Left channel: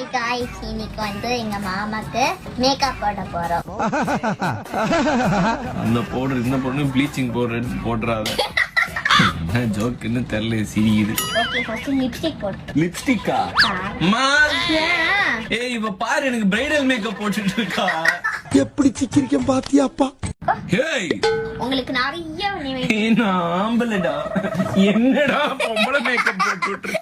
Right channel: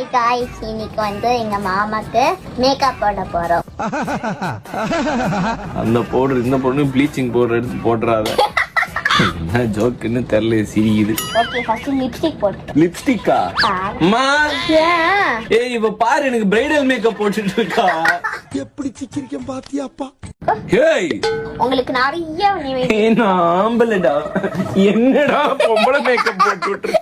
இன்னைக்கு வந்து எங்க மாமாக்கு மேக்கப் போட போறோம். அந்த பவுடர் இந்த பவுடர் ப்ளீச்சிங் பவுடர் எடுத்து போடுறாத. என்ன ஜோக்குன்னு தெரியல, சிரிக்குது. ஓகே, ஃபர்ஸ்ட் லிப்ஸ்டிக் போட்டு. லிப்ஸ்டிக்கா? அம்மா ஏய் இவ பாரு, எனக்கு பிரைடல் மேக்கப் போட்டுட்டு இருக்கா. எப்படி சிக்கிரிக்கம் பாத்தியாப்பா? ஏய் உங்களுக்கு நிறைய நான் ஆம்பளடா, என்னடா பொம்பளை மேக்கப் போட்டு விட்டுரு.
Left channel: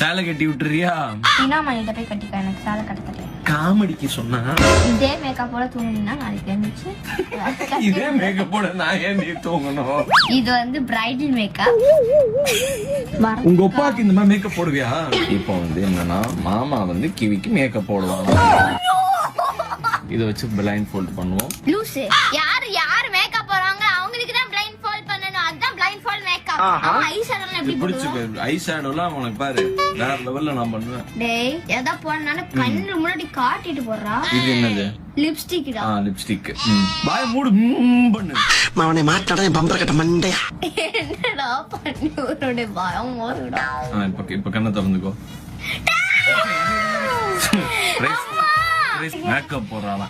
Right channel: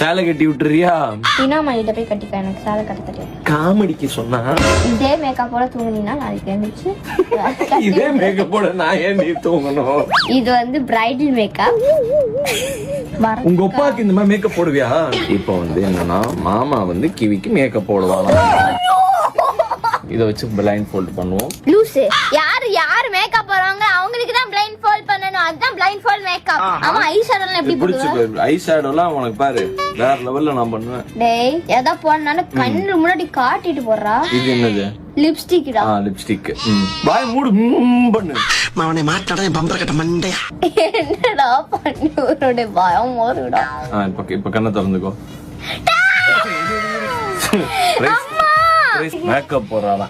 சேலை கட்டி விட்டுறியா? தினாமா இதை போய் கட்டிக்க, எனக்கு சேலை கட்ட தெரியும். காமெடிக்கு சொன்னா இதே மேக்கப்போட தூங்குனீங்கன்னா நாளைக்கு எழுந்துச்சு. இதே மேக்கப்போட நான் ஏன் நீ தூங்கணும்? இது வந்து பிரைடல் மேக்கப். உங்க அப்பாக்கு இந்த மாதிரி மேக்கப் போடுவியா? இப்போ வந்து என்னன்னா மாமா வந்து கிவிக்கு மேக்கப் போடுவாங்க. இத வச்சு பிளைண்ட் ஃபோல்ட் பண்ணுவோம். லூசு, யாரு மேக்கப் போறாங்க அவங்களுக்கு தான் பிளைண்ட் ஃபோல்ட் பண்ணனும். அதான் பிளைண்ட் ஃபோல்ட் மேக்கப். ஆமா, ஐ ஷேடோல எப்படி போடுவ? ஐ ஷேடோலாம் உனக்கு பாரு வேற லெவல்ல நான் பண்ணுவேன். டேய் எதை போடனாலும் கண்ணு முன்னாடி காட்டிட்டு போறா. இது என்னது? லிப்ஸ்டிக்டா. லிப்ஸ்டிக். வாய் மூடு பண்ணு. அவனை மாட்டாடா என் பம்பர கட்ட மண்டையா. என்னடா பண்ணி ஒருடைய பயம் வருடா. இப்ப கண்ணை திறந்துக்கோ. மேக்கப் போறானா?